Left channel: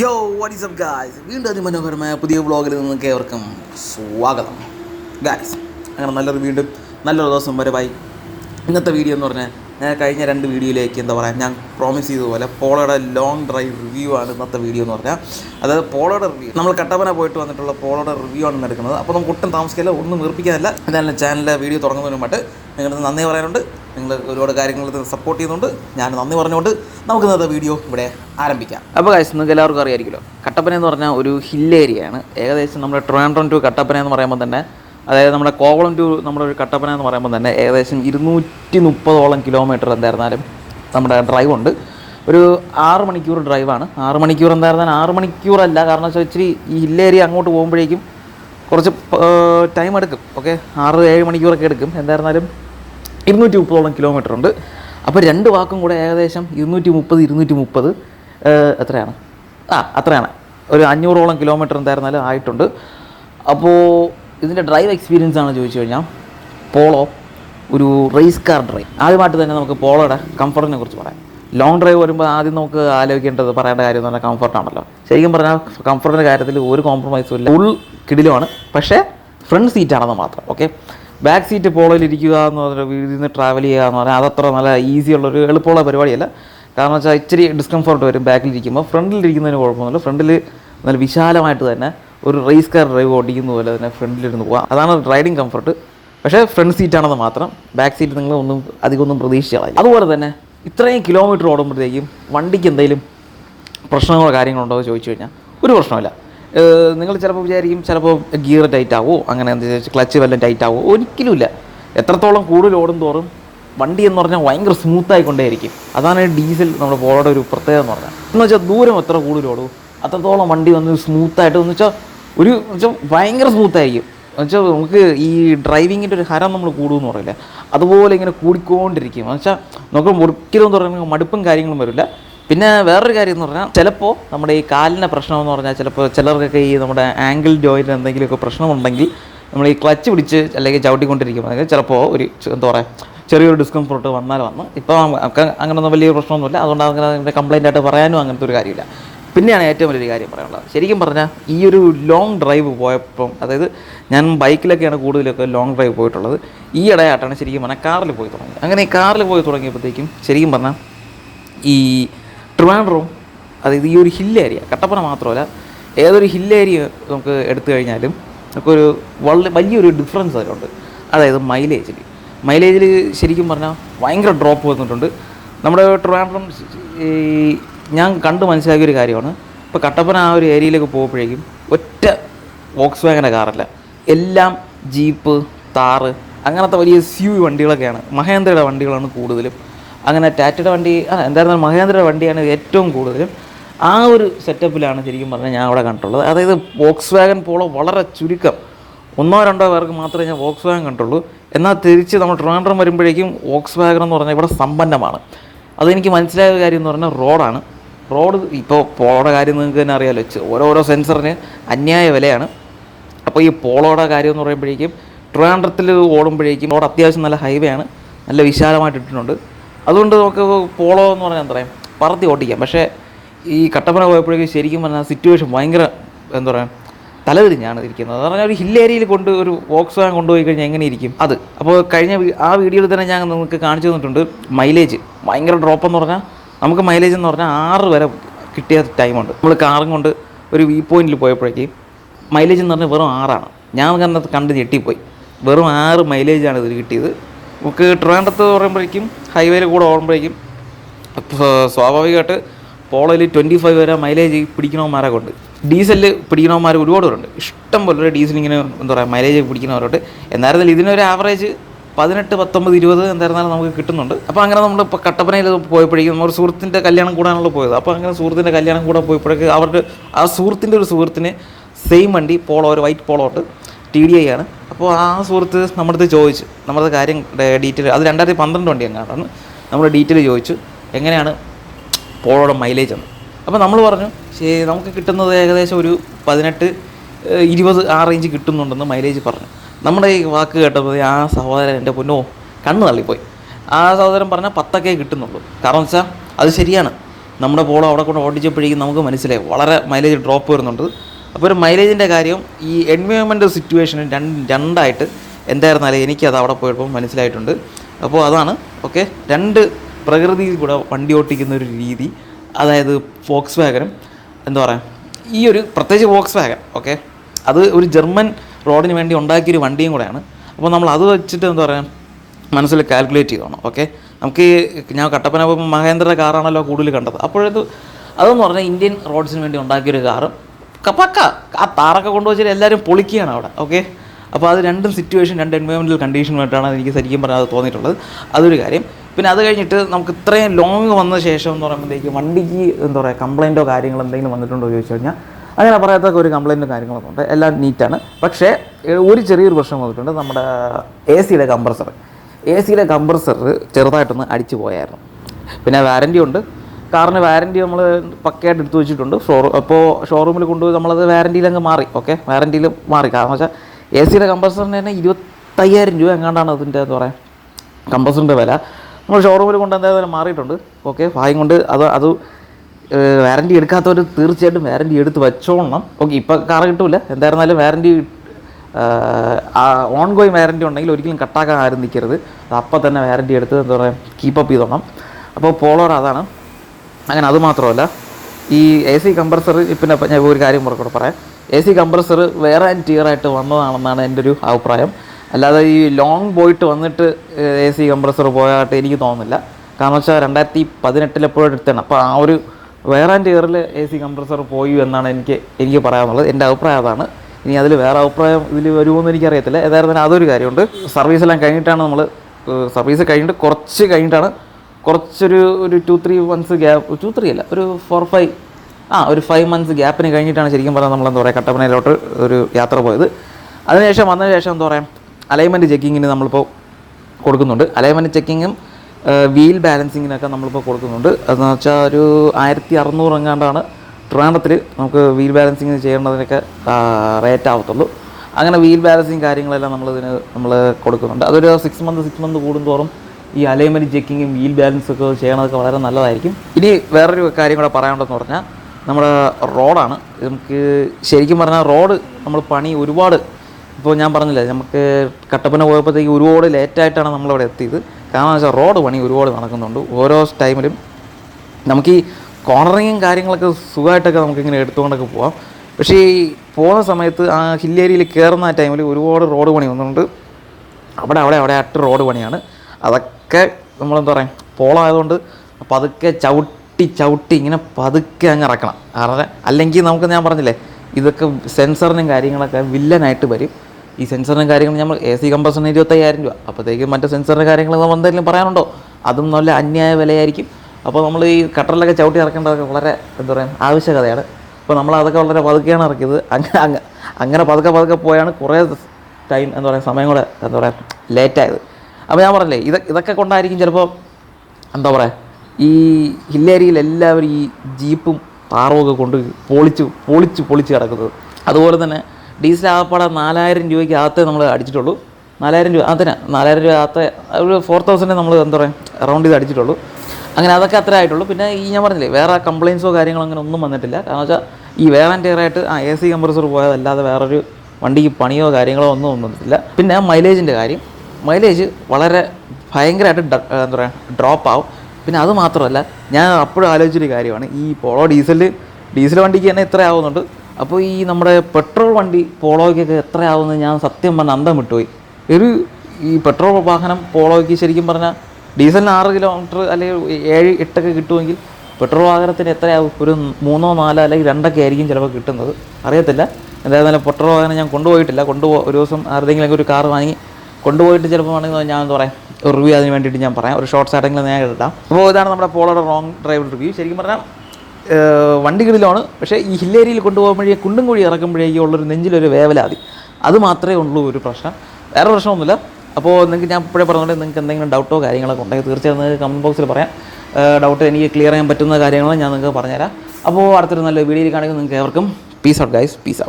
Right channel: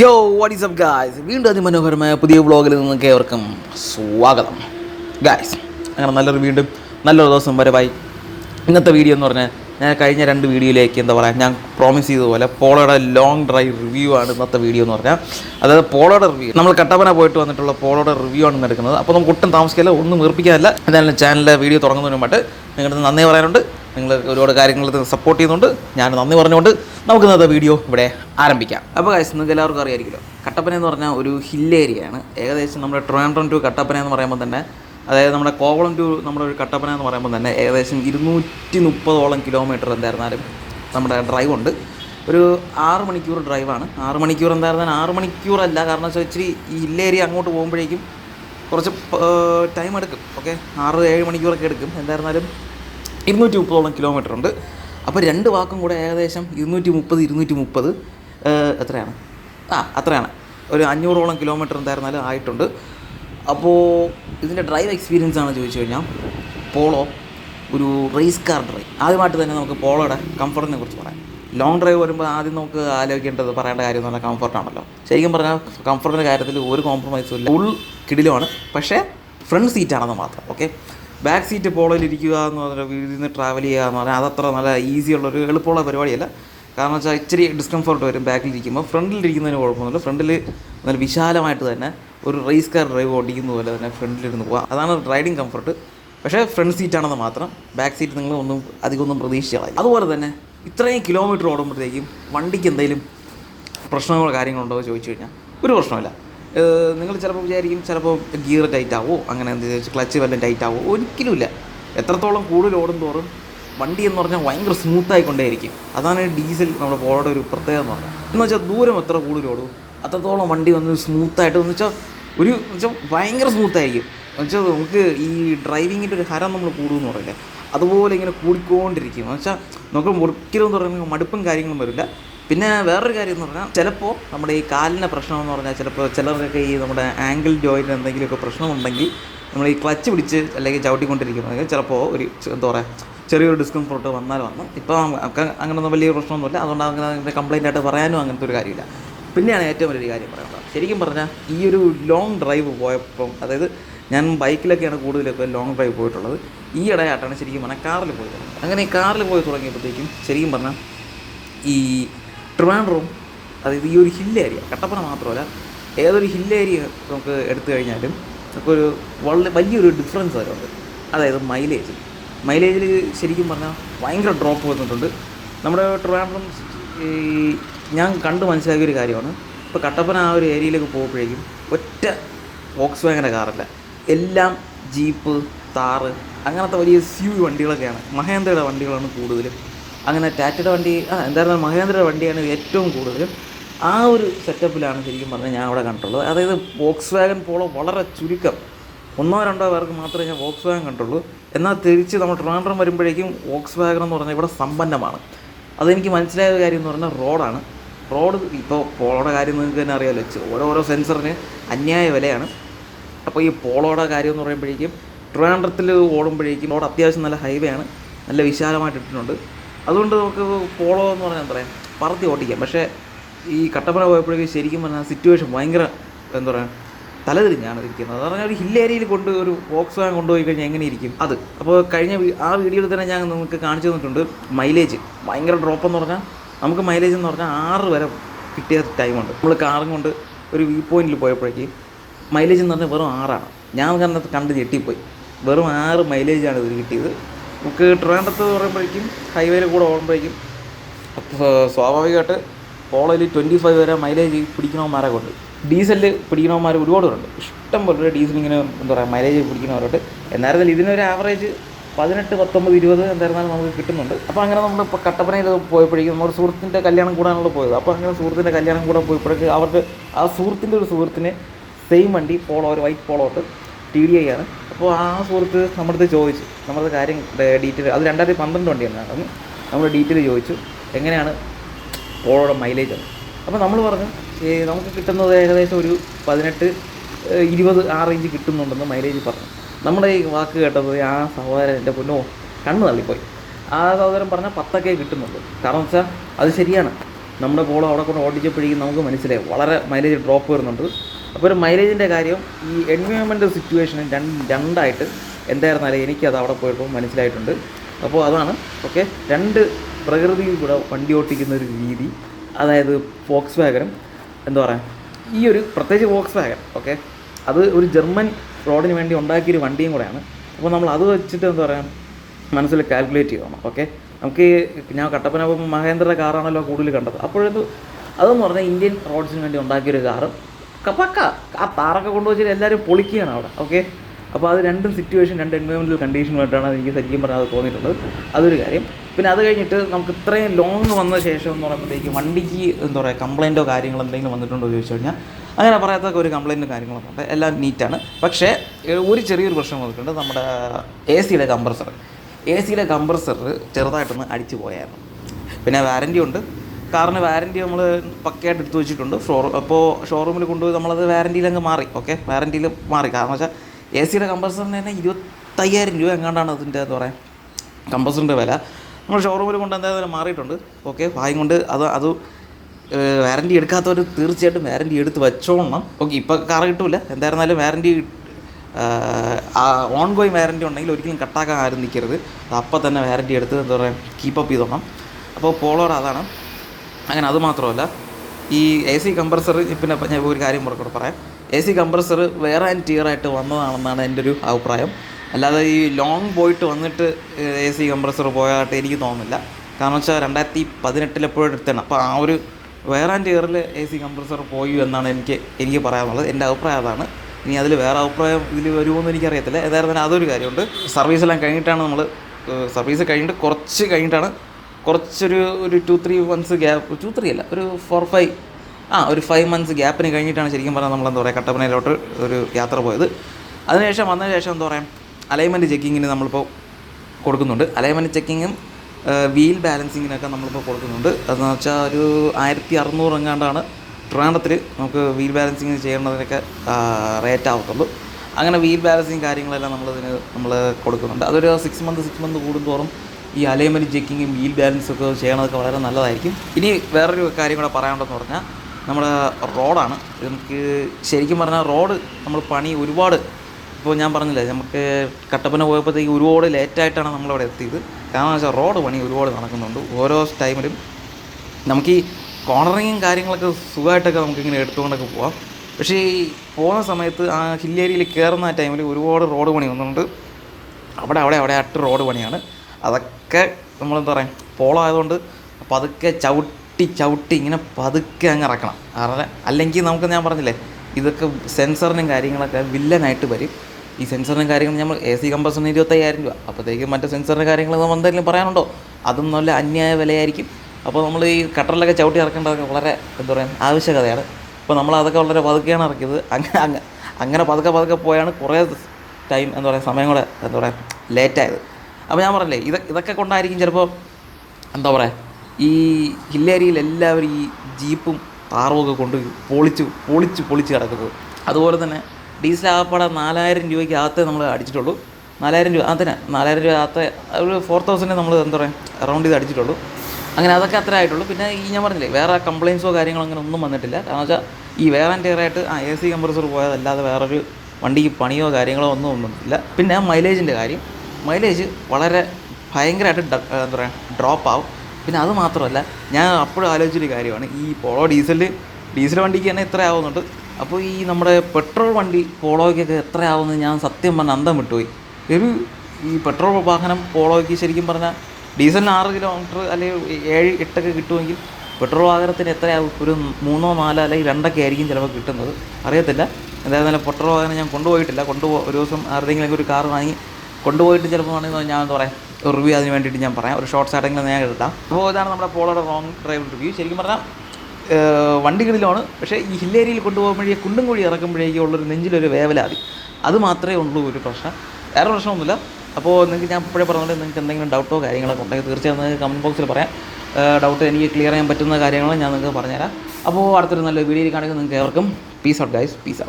യോ what is up guys വീണ്ടും അതിമനോഹരമായ പുതിയ വ്ളോഗിൽ നിങ്ങൾക്ക് ഏവർക്കും സ്വാഗതം. ഗായ്സ് അങ്ങനെ നല്ലൊരു വീണ്ടും നല്ലൊരു ദിവസം വരവായി. ഇന്നത്തെ വീഡിയോ എന്ന് പറഞ്ഞാൽ ഞാൻ കഴിഞ്ഞ രണ്ട് വീഡിയോയിലേക്ക് എന്താ പറയുക ഞാൻ പ്രോമിസ് ചെയ്തതുപോലെ പോളോയുടെ ലോങ് ഡ്രൈവ് റിവ്യൂ ആണ് ഇന്നത്തെ വീഡിയോ എന്ന് പറഞ്ഞാൽ അതായത് പോളോയുടെ റിവ്യൂ നമ്മൾ കട്ടപ്പന പോയിട്ട് വന്നിട്ടുള്ള പോളോയുടെ റിവ്യൂ ആണ് എടുക്കുന്നത് അപ്പോൾ നമുക്ക് ഒട്ടും താമസിക്കില്ല ഒന്നും നിർപ്പിക്കാനില്ല എന്തായാലും ചാനലിലെ വീഡിയോ തുടങ്ങുന്നതിന് മുമ്പായിട്ട് നിങ്ങളുടെ നന്ദി പറയാനുണ്ട്. നിങ്ങൾ ഒരുപാട് കാര്യങ്ങൾ സപ്പോർട്ട് ചെയ്യുന്നുണ്ട്. ഞാൻ നന്ദി പറഞ്ഞുകൊണ്ട് നമുക്ക് ഇന്നത്തെ വീഡിയോ ഇവിടെ ആരംഭിക്കാം. അപ്പോൾ കാശ് നിങ്ങൾക്ക് എല്ലാവർക്കും അറിയായിരിക്കുമല്ലോ. കട്ടപ്പന എന്ന് പറഞ്ഞാൽ ഒരു ഹിൽ ഏരിയയാണ് ഏകദേശം നമ്മുടെ ട്രോൺ ടു കട്ടപ്പന എന്ന് പറയുമ്പോൾ തന്നെ അതായത് നമ്മുടെ കോവളം ടു നമ്മുടെ ഒരു കട്ടപ്പന എന്ന് പറയുമ്പോൾ തന്നെ ഏകദേശം ഇരുന്നൂറ്റി മുപ്പതോളം കിലോമീറ്റർ എന്തായിരുന്നാലും നമ്മുടെ ഡ്രൈവ് ഉണ്ട്. ഒരു ആറ് മണിക്കൂർ ഡ്രൈവാണ് ആറ് മണിക്കൂർ എന്തായിരുന്നാലും ആറ് മണിക്കൂറല്ല കാരണം വെച്ചാൽ ഇച്ചിരി ഈ ഹില്ലേരി അങ്ങോട്ട് പോകുമ്പോഴേക്കും കുറച്ച് ടൈം എടുക്കും. ഓക്കെ ആറ് ഏഴ് മണിക്കൂറൊക്കെ എടുക്കും. എന്തായിരുന്നാലും ഇരുന്നൂറ്റി മുപ്പതോളം കിലോമീറ്റർ ഉണ്ട്. അപ്പോൾ രണ്ട് വാക്കും കൂടെ ഏകദേശം ഇരുന്നൂറ്റി മുപ്പത് ഇരുന്നൂറ്റി മുപ്പത് എത്രയാണ്? ആ അത്രയാണ്. ഒരു അഞ്ഞൂറോളം കിലോമീറ്റർ എന്തായിരുന്നാലും ആയിട്ടുണ്ട്. അപ്പോൾ ഇതിന്റെ ഡ്രൈവ് എക്സ്പീരിയൻസ് ആണ് ചോദിച്ചു കഴിഞ്ഞാൽ പോളോ ഒരു റേസ് കാർ ഡ്രൈവ് ആദ്യമായിട്ട് തന്നെ നമുക്ക് പോളോയുടെ കംഫർട്ടിനെ കുറിച്ച് പറയാം. ലോങ് ഡ്രൈവ് വരുമ്പോൾ ആദ്യം നമുക്ക് ആലോചിക്കേണ്ടത് പറയേണ്ട കാര്യം എന്ന് പറഞ്ഞാൽ കംഫർട്ടാണല്ലോ ശരിക്കും പറഞ്ഞാൽ കംഫർട്ടിന്റെ കാര്യത്തിൽ ഒരു കോംപ്രമൈസും ഇല്ല. ഫുൾ കിടിലുമാണ് പക്ഷേ ഫ്രണ്ട് സീറ്റാണെന്ന് മാത്രം ഓക്കെ ബാക്ക് സീറ്റ് പോളോയിൽ ഇരിക്കുക എന്ന് പറഞ്ഞാൽ വീട്ടിൽ നിന്ന് ട്രാവൽ ചെയ്യുക എന്ന് പറഞ്ഞാൽ അതത്ര നല്ല ഈസിയുള്ള ഒരു എളുപ്പമുള്ള പരിപാടിയല്ല. കാരണം വെച്ചാൽ ഇച്ചിരി ഡിസ്കംഫർട്ട് വരും ബാക്കിൽ ഇരിക്കുമ്പോൾ ഫ്രണ്ടിൽ ഇരിക്കുന്നതിന് കുഴപ്പമൊന്നുമില്ല. ഫ്രണ്ടിൽ നല്ല വിശാലമായിട്ട് തന്നെ ഒരു റേസ് കാർ ഡ്രൈവ് ഓടിക്കുന്ന പോലെ തന്നെ ഫ്രണ്ടിലിരുന്ന് പോകാം അതാണ് റൈഡിങ് കംഫർട്ട് പക്ഷേ ഫ്രണ്ട് സീറ്റാണെന്ന് മാത്രം ബാക്ക് സീറ്റ് നിങ്ങൾ ഒന്നും അധികം ഒന്നും പ്രതീക്ഷിച്ചാൽ അതുപോലെ തന്നെ ഇത്രയും കിലോമീറ്റർ ഓടുമ്പോഴത്തേക്കും വണ്ടിക്ക് എന്തെങ്കിലും പ്രശ്നങ്ങളോ കാര്യങ്ങളുണ്ടോ എന്ന് ചോദിച്ചു കഴിഞ്ഞാൽ ഒരു പ്രശ്നമില്ല നിങ്ങൾ ചിലപ്പോൾ വിചാരിക്കും ചിലപ്പോൾ ഗിയർ ടൈറ്റ് ആവോ അങ്ങനെ ക്ലച്ച് വല്ലതും ടൈറ്റ് ആവോ ഒരിക്കലുമില്ല എത്രത്തോളം കൂടുതൽ ഓടും തോറും വണ്ടി എന്ന് പറഞ്ഞാൽ ഭയങ്കര സ്മൂത്തായിക്കൊണ്ടേയിരിക്കും അതാണ് ഡീസൽ നമ്മുടെ പോളോയുടെ ഒരു പ്രത്യേകത എന്ന് പറഞ്ഞാൽ. എന്ന് വെച്ചാൽ ദൂരം എത്ര കൂടുതൽ ഓടും? അത്രത്തോളം വണ്ടി വന്ന് സ്മൂത്തായിട്ട് എന്ന് വെച്ചാൽ ഒരു വെച്ചാൽ ഭയങ്കര സ്മൂത്തായിരിക്കും എന്ന് വെച്ചാൽ നമുക്ക് ഈ ഡ്രൈവിങ്ങിന്റെ ഒരു ഹരം നമ്മൾ കൂടുമെന്ന് പറയില്ല. അതുപോലെ ഇങ്ങനെ കൂടിക്കൊണ്ടിരിക്കും. എന്ന് വെച്ചാൽ നമുക്ക് ഒരിക്കലും എന്ന് പറയുമ്പോൾ മടുപ്പും കാര്യങ്ങളും വരില്ല. പിന്നെ വേറൊരു കാര്യം എന്ന് പറഞ്ഞാൽ ചിലപ്പോൾ നമ്മുടെ ഈ കാലിന്റെ പ്രശ്നമെന്ന് പറഞ്ഞാൽ ചിലപ്പോൾ ചിലർക്കൊക്കെ ഈ നമ്മുടെ ആംഗിൾ ജോയിന്റ് എന്തെങ്കിലുമൊക്കെ പ്രശ്നമുണ്ടെങ്കിൽ നമ്മൾ ഈ ക്ലച്ച് പിടിച്ച് അല്ലെങ്കിൽ ചവിട്ടിക്കൊണ്ടിരിക്കുമ്പോൾ ചിലപ്പോൾ ഒരു എന്താ പറയുക ചെറിയൊരു ഡിസ്കംഫോർട്ട് വന്നാൽ വന്നു. ഇപ്പോൾ അങ്ങനെ ഒന്നും വലിയ പ്രശ്നമൊന്നുമില്ല. അതുകൊണ്ട് അങ്ങനെ കംപ്ലൈന്റ് ആയിട്ട് പറയാനും അങ്ങനത്തെ ഒരു കാര്യമില്ല. പിന്നെയാണ് ഏറ്റവും വലിയൊരു കാര്യം പറയാനുള്ളത്. ശരിക്കും പറഞ്ഞാൽ ഈ ഒരു ലോങ് ഡ്രൈവ് പോയപ്പം അതായത് ഞാൻ ബൈക്കിലൊക്കെയാണ് കൂടുതലൊക്കെ ലോങ് ഡ്രൈവ് പോയിട്ടുള്ളത് ഈ ഇടയായിട്ടാണ് ശരിക്കും പറഞ്ഞാൽ കാറിൽ പോയി തുടങ്ങിയത് അങ്ങനെ കാറിൽ പോയി തുടങ്ങിയപ്പോഴത്തേക്കും ശരിക്കും പറഞ്ഞാൽ ഈ ട്രിവാൻഡ്രവും അതായത് ഈ ഒരു ഹിൽ ഏരിയ കട്ടപ്പന മാത്രമല്ല ഏതൊരു ഹിൽ ഏരിയ നമുക്ക് എടുത്തു കഴിഞ്ഞാലും നമുക്കൊരു വളരെ വലിയൊരു ഡിഫറൻസ് അതിലുണ്ട്. അതായത് മൈലേജിൽ മൈലേജിൽ ശരിക്കും പറഞ്ഞാൽ ഭയങ്കര ഡ്രോപ്പ് വന്നിട്ടുണ്ട്. നമ്മുടെ ട്രിവാൻഡ്രം ഈ ഞാൻ കണ്ട് മനസ്സിലാക്കിയ ഒരു കാര്യമാണ്. ഇപ്പോൾ കട്ടപ്പന ആ ഒരു ഏരിയയിലേക്ക് പോകുമ്പോഴേക്കും ഒറ്റ വോക്സ് വാഗന്റെ കാറല്ല. എല്ലാം ജീപ്പ് താറ് അങ്ങനത്തെ വലിയ സ്യൂ വണ്ടികളൊക്കെയാണ്. മഹേന്ദ്രയുടെ വണ്ടികളാണ് കൂടുതലും. അങ്ങനെ ടാറ്റയുടെ വണ്ടി എന്തായിരുന്നാലും മഹേന്ദ്രയുടെ വണ്ടിയാണ് ഏറ്റവും കൂടുതലും. ആ ഒരു സെറ്റപ്പിലാണ് ശരിക്കും പറഞ്ഞാൽ ഞാൻ അവിടെ കണ്ടുള്ളത് അതായത് വോക്സ് വാഗൻ പോളോ വളരെ ചുരുക്കം. ഒന്നോ രണ്ടോ പേർക്ക് മാത്രമേ ഞാൻ വോക്സ് വാഗൻ കണ്ടുള്ളൂ. എന്നാൽ തിരിച്ച് നമ്മൾ ട്രിവാൻഡ്രം വരുമ്പോഴേക്കും വോക്സ് വാഗൻ എന്ന് പറഞ്ഞാൽ ഇവിടെ സമ്പന്നമാണ്. അതെനിക്ക് മനസ്സിലായ കാര്യം എന്ന് പറഞ്ഞാൽ റോഡാണ്. റോഡ് ഇപ്പോൾ പോളോയുടെ കാര്യം നിങ്ങൾക്ക് തന്നെ അറിയാമല്ലോ ഓരോരോ സെൻസറിന് അന്യായ വിലയാണ്. അപ്പോൾ ഈ പോളോയുടെ കാര്യം എന്ന് പറയുമ്പോഴേക്കും ട്രിവാൻഡ്രത്തിൽ ഓടുമ്പോഴേക്കും റോഡ് അത്യാവശ്യം നല്ല ഹൈവേ ആണ്. നല്ല വിശാലമായിട്ട് ഇട്ടിട്ടുണ്ട്. അതുകൊണ്ട് നമുക്ക് പോളോ എന്ന് പറഞ്ഞാൽ എന്താ പറയുക പറത്തി ഓട്ടിക്കാം. പക്ഷേ ഈ കട്ടപ്പന പോയപ്പോഴേക്കും ശരിക്കും പറഞ്ഞാൽ സിറ്റുവേഷൻ ഭയങ്കര എന്താ പറയുക തലതിരിഞ്ഞാണ് ഇരിക്കുന്നത്. എന്ന് പറഞ്ഞാൽ ഒരു ഹിൽ ഏരിയയിൽ കൊണ്ട് ഒരു വോക്സ് വാൻ കൊണ്ടുപോയി കഴിഞ്ഞാൽ എങ്ങനെ ഇരിക്കും? അത്. അപ്പോൾ കഴിഞ്ഞ ആ വീഡിയോയിൽ തന്നെ ഞാൻ നിങ്ങൾക്ക് കാണിച്ചു തന്നിട്ടുണ്ട് മൈലേജ് ഭയങ്കര ഡ്രോപ്പ് എന്ന് പറഞ്ഞാൽ നമുക്ക് മൈലേജ് എന്ന് പറഞ്ഞാൽ ആറ് വരെ കിട്ടിയ ടൈമുണ്ട് നമ്മൾ കാറും കൊണ്ട് ഒരു വ്യൂ പോയിന്റിൽ പോയപ്പോഴേക്കും മൈലേജ് എന്ന് പറഞ്ഞാൽ വെറും ആറാണ്. ഞാൻ കണ്ടത് കണ്ട് ഞെട്ടിപ്പോയി. വെറും ആറ് മൈലേജാണ് ഇതിൽ കിട്ടിയത്. നമുക്ക് ട്രിവാൻഡ്രത്ത് പറയുമ്പോഴേക്കും ഹൈവേയിൽ കൂടെ ഓടുമ്പോഴേക്കും സ്വാഭാവികമായിട്ട് പോളയിൽ ട്വന്റി ഫൈവ് വരെ മൈലേജ് പിടിക്കണവന്മാരൊക്കെ ഉണ്ട്. ഡീസലിൽ പിടിക്കണവന്മാർ ഒരുപാട് പേരുണ്ട്. ഇഷ്ടം പോലെ ഡീസൽ ഇങ്ങനെ എന്താ പറയുക മൈലേജ് പിടിക്കുന്നവരുണ്ട് എന്നായിരുന്നാലും ഇതിനൊരു ആവറേജ് പതിനെട്ട് പത്തൊമ്പത് ഇരുപത് എന്തായിരുന്നാലും നമുക്ക് കിട്ടുന്നുണ്ട്. അപ്പോൾ അങ്ങനെ നമ്മൾ ഇപ്പോൾ കട്ടപ്പനയിൽ പോയപ്പോഴേക്കും നമ്മുടെ സുഹൃത്തിന്റെ കല്യാണം കൂടാണല്ലോ പോയത്. അപ്പോൾ അങ്ങനെ സുഹൃത്തിന്റെ കല്യാണം കൂടാൻ പോയപ്പോഴേക്കും അവരുടെ ആ സുഹൃത്തിന്റെ ഒരു സുഹൃത്തിന് സെയിം വണ്ടി പോളോ ഒരു വൈറ്റ് പോളോ ഉണ്ട്. ടി ഡി ഐ ആണ്. അപ്പോൾ ആ സുഹൃത്ത് നമ്മുടെ അടുത്ത് ചോദിച്ചു. നമ്മുടെ കാര്യം ഡീറ്റെയിൽ അത് രണ്ടായിരത്തി പന്ത്രണ്ട് വണ്ടി എന്നാണ് അന്ന് നമ്മൾ ഡീറ്റെയിൽ ചോദിച്ചു. എങ്ങനെയാണ് പോളോയുടെ മൈലേജ് ആണ് അപ്പോൾ നമ്മൾ പറഞ്ഞു ശരി നമുക്ക് കിട്ടുന്നത് ഏകദേശം ഒരു പതിനെട്ട് ഇരുപത് ആ റേഞ്ച് കിട്ടുന്നുണ്ടെന്ന് മൈലേജ് പറഞ്ഞു. നമ്മുടെ ഈ വാക്ക് കേട്ടപ്പോൾ ആ സഹോദരൻ എന്റെ പൊന്നോ കണ്ണ് തള്ളിപ്പോയി. ആ സഹോദരൻ പറഞ്ഞാൽ പത്തൊക്കെ കിട്ടുന്നുള്ളൂ. കാരണം വെച്ചാൽ അത് ശരിയാണ്. നമ്മുടെ ബോൾ അവിടെ കൊണ്ട് ഓടിച്ചപ്പോഴേക്കും നമുക്ക് മനസ്സിലായി. വളരെ മൈലേജ് ഡ്രോപ്പ് വരുന്നുണ്ട്. അപ്പോൾ ഒരു മൈലേജിന്റെ കാര്യം ഈ എൻവയോൺമെന്റ് സിറ്റുവേഷന് രണ്ട് രണ്ടായിട്ട് എന്തായിരുന്നാലും എനിക്കത് അവിടെ പോയപ്പോൾ മനസ്സിലായിട്ടുണ്ട്. അപ്പോൾ അതാണ് ഓക്കെ രണ്ട് പ്രകൃതിയിൽ കൂടെ വണ്ടി ഓട്ടിക്കുന്ന ഒരു രീതി. അതായത് ഫോക്സ് വാഗനും എന്താ പറയുക ഈ ഒരു പ്രത്യേകിച്ച് ഫോക്സ് വാഗൻ ഓക്കെ അത് ഒരു ജർമ്മൻ റോഡിന് വേണ്ടി ഉണ്ടാക്കിയൊരു വണ്ടിയും കൂടെയാണ്. അപ്പോൾ നമ്മൾ അത് വെച്ചിട്ട് എന്താ പറയുക മനസ്സിൽ കാൽക്കുലേറ്റ് ചെയ്യണം ഓക്കെ നമുക്ക് ഞാൻ കട്ടപ്പന മഹേന്ദ്രയുടെ മഹേന്ദ്ര കാറാണല്ലോ കൂടുതൽ കണ്ടത്. അപ്പോഴത് അതെന്ന് പറഞ്ഞാൽ ഇന്ത്യൻ റോഡ്സിന് വേണ്ടി ഉണ്ടാക്കിയൊരു കാറ് പക്ക. ആ താറൊക്കെ കൊണ്ടുവച്ചിട്ട് എല്ലാവരും പൊളിക്കുകയാണ് അവിടെ ഓക്കെ അപ്പോൾ അത് രണ്ടും സിറ്റുവേഷൻ രണ്ട് എൻവയോൺമെന്റൽ കണ്ടീഷനുമായിട്ടാണ് എനിക്ക് ശരിക്കും പറഞ്ഞാൽ അത് തോന്നിയിട്ടുള്ളത്. അതൊരു കാര്യം. പിന്നെ അത് കഴിഞ്ഞിട്ട് നമുക്ക് ഇത്രയും ലോങ് വന്ന ശേഷം എന്ന് പറയുമ്പോഴത്തേക്ക് വണ്ടിക്ക് എന്താ പറയുക കംപ്ലയിന്റോ കാര്യങ്ങളോ എന്തെങ്കിലും വന്നിട്ടുണ്ടോ ചോദിച്ചു കഴിഞ്ഞാൽ അങ്ങനെ പറയാത്ത ഒരു കംപ്ലൈന്റും കാര്യങ്ങളൊക്കെ ഉണ്ട്. എല്ലാം നീറ്റാണ് പക്ഷേ ഒരു ചെറിയൊരു പ്രശ്നം വന്നിട്ടുണ്ട്. നമ്മുടെ എ സിയുടെ കംപ്രസർ എ സിയുടെ കംപ്രസർ ചെറുതായിട്ടൊന്ന് അടിച്ചു പോയായിരുന്നു. പിന്നെ വാറന്റി ഉണ്ട്. കാറിന് വാറന്റി നമ്മൾ പക്കയായിട്ട് എടുത്തു വെച്ചിട്ടുണ്ട്. ഷോറൂ അപ്പോൾ ഷോറൂമിൽ കൊണ്ടുപോയി നമ്മളത് വാറന്റിയിൽ അങ്ങ് മാറി. ഓക്കെ വാറന്റിയിൽ മാറി. കാരണം വെച്ചാൽ എ സിയുടെ കംപ്രസറിന് തന്നെ ഇരുപത്തയ്യായിരം രൂപ എങ്ങാണ്ടാണ് അതിന്റെ എന്ന് പറയാം കംപ്രസറിന്റെ വില. നമ്മൾ ഷോറൂമിൽ കൊണ്ട് എന്തായാലും മാറിയിട്ടുണ്ട്. ഓക്കെ ഭാഗ്യം കൊണ്ട് അത് അത് വാറന്റി എടുക്കാത്തവർ തീർച്ചയായിട്ടും വാറന്റി എടുത്ത് വെച്ചോണം ഓക്കെ ഇപ്പോൾ കാർ കിട്ടൂല. എന്തായിരുന്നാലും വാറന്റി ഓൺ ഗോയിങ് വാറന്റി ഉണ്ടെങ്കിൽ ഒരിക്കലും കട്ടാക്കാൻ ആരും നിൽക്കരുത് അപ്പം തന്നെ വാറന്റി എടുത്ത് എന്താ പറയുക കീപ്പപ്പ് ചെയ്തോണം. അപ്പോൾ പോളോർ അതാണ്. അങ്ങനെ അത് മാത്രമല്ല ഈ എ സി കംപ്രസർ പിന്നെ ഞാൻ ഒരു കാര്യം കൂടെ പറയാം. എ സി കംപ്രസർ വേറെ ടിയർ ആയിട്ട് വന്നതാണെന്നാണ് എന്റെ ഒരു അഭിപ്രായം. അല്ലാതെ ഈ ലോങ് പോയിട്ട് വന്നിട്ട് എ സി കംപ്രസർ പോയായിട്ട് എനിക്ക് തോന്നുന്നില്ല. കാരണം വെച്ചാൽ രണ്ടായിരത്തി പതിനെട്ടിലെപ്പോഴും എടുത്താണ് അപ്പോൾ ആ ഒരു വേറെ ഇയറിൽ എ സി കംപ്രസർ പോയി എന്നാണ് എനിക്ക് എനിക്ക് പറയാനുള്ളത്. എന്റെ അഭിപ്രായം അതാണ്. ഇനി അതിൽ വേറെ അഭിപ്രായം ഇതിൽ വരുമോ എന്ന് എനിക്കറിയത്തില്ല. ഏതായാലും അതൊരു കാര്യമുണ്ട്. സർവീസ് എല്ലാം കഴിഞ്ഞിട്ടാണ് നമ്മൾ സർവീസ് കഴിഞ്ഞിട്ട് കുറച്ച് കഴിഞ്ഞിട്ടാണ് കുറച്ചൊരു ഒരു two three months gap two three അല്ല ഒരു ഫോർ ഫൈവ് ആ ഒരു ഫൈവ് മന്ത്സ് ഗ്യാപ്പിന് കഴിഞ്ഞിട്ടാണ് ശരിക്കും പറഞ്ഞാൽ നമ്മൾ എന്താ പറയുക കട്ടപ്പനയിലോട്ട് ഒരു യാത്ര പോയത്. അതിനുശേഷം വന്നതിന് ശേഷം എന്താ പറയുക അലൈൻമെന്റ് ചെക്കിങ്ങിന് നമ്മളിപ്പോൾ കൊടുക്കുന്നുണ്ട്. അലൈൻമെന്റ് ചെക്കിങ്ങും വീൽ ബാലൻസിങ്ങിനൊക്കെ നമ്മളിപ്പോൾ കൊടുക്കുന്നുണ്ട്. അതെന്ന് വെച്ചാൽ ഒരു ആയിരത്തി അറുന്നൂറ് എങ്ങാണ്ടാണ് ട്രിവാൻഡത്തിൽ നമുക്ക് വീൽ ബാലൻസിങ് ചെയ്യേണ്ടതിനൊക്കെ റേറ്റ് ആവത്തുള്ളൂ. അങ്ങനെ വീൽ ബാലൻസിങ് കാര്യങ്ങളെല്ലാം നമ്മളിതിന് നമ്മൾ കൊടുക്കുന്നുണ്ട്. അതൊരു സിക്സ് മന്ത് സിക്സ് മന്ത് കൂടുന്തോറും ഈ അലൈൻമെന്റ് ചെക്കിങ്ങും വീൽ ബാലൻസ് ഒക്കെ ചെയ്യണതൊക്കെ വളരെ നല്ലതായിരിക്കും. ഇനി വേറൊരു കാര്യം കൂടെ പറയാനുണ്ടെന്ന് പറഞ്ഞാൽ നമ്മുടെ റോഡാണ്. നമുക്ക് ശരിക്കും പറഞ്ഞാൽ റോഡ് നമ്മൾ പണി ഒരുപാട് ഇപ്പോൾ ഞാൻ പറഞ്ഞില്ലേ നമുക്ക് കട്ടപ്പന പോയപ്പോഴത്തേക്ക് ഒരുപാട് ലേറ്റായിട്ടാണ് നമ്മളവിടെ എത്തിയത്. കാരണം വെച്ചാൽ റോഡ് പണി ഒരുപാട് നടക്കുന്നുണ്ട്. ഓരോ ടൈമിലും നമുക്ക് ഈ കോർണറിങ്ങും കാര്യങ്ങളൊക്കെ സുഖമായിട്ടൊക്കെ നമുക്കിങ്ങനെ എടുത്തുകൊണ്ടൊക്കെ പോവാം. പക്ഷേ ഈ പോകുന്ന സമയത്ത് ആ ഹിൽ ഏരിയയിൽ കയറുന്ന ടൈമിൽ ഒരുപാട് റോഡ് പണി വന്നിട്ടുണ്ട്. അവിടെ അവിടെ അവിടെ അട്ട് റോഡ് പണിയാണ്. അതൊക്കെ നമ്മളെന്താ പറയുക പോളായതുകൊണ്ട് പതുക്കെ ചവിട്ടി ചവിട്ടി ഇങ്ങനെ പതുക്കെ അങ്ങ് ഇറക്കണം. കാരണം അല്ലെങ്കിൽ നമുക്ക് ഞാൻ പറഞ്ഞില്ലേ ഇതൊക്കെ സെൻസറിനും കാര്യങ്ങളൊക്കെ വില്ലനായിട്ട് വരും. ഈ സെൻസറിന്റെ കാര്യങ്ങൾ നമ്മൾ എ സി കമ്പസിന് ഇരുപത്തയ്യായിരം രൂപ അപ്പോഴത്തേക്കും മറ്റേ സെൻസറിന്റെ കാര്യങ്ങൾ നമ്മൾ എന്തെങ്കിലും പറയാനുണ്ടോ? അതും നല്ല അന്യായ വിലയായിരിക്കും. അപ്പോൾ നമ്മൾ ഈ കട്ടറിലൊക്കെ ചവിട്ടി ഇറക്കേണ്ടതൊക്കെ വളരെ എന്താ പറയുക ആവശ്യകതയാണ്. അപ്പോൾ നമ്മൾ അതൊക്കെ വളരെ പതുക്കെയാണ് ഇറക്കിയത്. അങ്ങനെ അങ്ങനെ പതുക്കെ പതുക്കെ പോയാണ് കുറേ ടൈം എന്താ പറയുക സമയം കൂടെ എന്താ പറയുക ലേറ്റായത്. അപ്പോൾ ഞാൻ പറഞ്ഞില്ലേ ഇത് ഇതൊക്കെ കൊണ്ടായിരിക്കും ചിലപ്പോൾ എന്താ പറയുക ഈ ഹില്ലേരിയിൽ എല്ലാവരും ഈ ജീപ്പും താറുമൊക്കെ കൊണ്ട് പൊളിച്ച് പൊളിച്ച് പൊളിച്ച് കിടക്കുന്നത്. അതുപോലെ തന്നെ ഡീസൽ ആകപ്പാടെ നാലായിരം രൂപയ്ക്ക് അകത്തേ നമ്മൾ അടിച്ചിട്ടുള്ളൂ. നാലായിരം രൂപ അതിന് നാലായിരം രൂപ അകത്തെ ഒരു ഫോർ തൗസൻഡ് നമ്മൾ എന്താ പറയുക അറൗണ്ട് ചെയ്ത് അടിച്ചിട്ടുള്ളൂ. അങ്ങനെ അതൊക്കെ അത്ര ആയിട്ടുള്ളൂ. പിന്നെ ഈ ഞാൻ പറഞ്ഞില്ലേ വേറെ കംപ്ലയിൻസോ കാര്യങ്ങളോ അങ്ങനെ ഒന്നും വന്നിട്ടില്ല. കാരണം വെച്ചാൽ ഈ വേറെ ടയറായിട്ട് ആ എ സി കംപ്രസർ പോയതല്ലാതെ വേറൊരു വണ്ടിക്ക് പണിയോ കാര്യങ്ങളോ ഒന്നും വന്നിട്ടില്ല. പിന്നെ മൈലേജിന്റെ കാര്യം. മൈലേജ് വളരെ ഭയങ്കരമായിട്ട് എന്താ പറയുക ഡ്രോപ്പ് ആവും. പിന്നെ അത് മാത്രമല്ല ഞാൻ അപ്പോഴും ആലോചിച്ചൊരു കാര്യമാണ്. ഈ പോളോ ഡീസൽ ഡീസൽ വണ്ടിക്ക് തന്നെ ഇത്ര ആവുന്നുണ്ട്. അപ്പോൾ ഈ നമ്മുടെ പെട്രോൾ വണ്ടി പോളോയ്ക്കൊക്കെ എത്രയാവുമെന്ന് ഞാൻ സത്യം പറഞ്ഞ അന്തം വിട്ടുപോയി. ഒരു ഈ പെട്രോൾ വാഹനം പോളോയ്ക്ക് ശരിക്കും പറഞ്ഞാൽ ഡീസലിന് ആറ് കിലോമീറ്റർ അല്ലെങ്കിൽ ഏഴ് എട്ടൊക്കെ കിട്ടുമെങ്കിൽ പെട്രോൾ വാഹനത്തിന് എത്രയാവും? ഒരു മൂന്നോ നാലോ അല്ലെങ്കിൽ രണ്ടൊക്കെ ആയിരിക്കും ചിലപ്പോൾ കിട്ടുന്നത്. അറിയത്തില്ല. എന്തായാലും പെട്രോൾ വാഹനം ഞാൻ കൊണ്ടുപോയിട്ടില്ല. കൊണ്ടുപോ ഒരു ദിവസം ആരുടെങ്കിലും ഒരു കാർ വാങ്ങി കൊണ്ടുപോയിട്ട് ചിലപ്പോൾ ആണെങ്കിൽ ഞാൻ എന്താ പറയുക ഒരു റിവ്യൂ അതിന് വേണ്ടിയിട്ട് ഞാൻ പറയാം. ഒരു ഷോർട്ട്സ് ആയിട്ടെങ്കിലും ഞാൻ എടുക്കാം. അപ്പോൾ ഇതാണ് നമ്മുടെ പോളോയുടെ റോങ് ഡ്രൈവ് റിവ്യൂ ശരിക്കും പറഞ്ഞാൽ ഏഹ് വണ്ടി പക്ഷേ ഈ ഹില്ലേരിയിൽ കൊണ്ടുപോകുമ്പോഴേ കുണ്ടും കുഴി ഇറക്കുമ്പോഴേക്കും ഉള്ളൊരു നെഞ്ചിലൊരു വേവലാതി. അത് മാത്രമേ ഉള്ളൂ ഒരു പ്രശ്നം. വേറെ പ്രശ്നമൊന്നുമില്ല. അപ്പോൾ നിങ്ങൾക്ക് ഞാൻ ഇപ്പോഴേ പറഞ്ഞിട്ട് നിങ്ങൾക്ക് എന്തെങ്കിലും ഡൗട്ടോ കാര്യങ്ങളൊക്കെ ഉണ്ടെങ്കിൽ തീർച്ചയായും നിങ്ങൾക്ക് കമന്റ് ബോക്സിൽ പറയാം. ഡൗട്ട് എനിക്ക് ക്ലിയർ ചെയ്യാൻ പറ്റുന്ന കാര്യങ്ങൾ ഞാൻ നിങ്ങൾക്ക് പറഞ്ഞുതരാം. അപ്പോൾ അടുത്തൊരു നല്ല വീഡിയോയിൽ കാണുമ്പോൾ നിങ്ങൾക്ക് ഏവർക്കും peace out guys peace out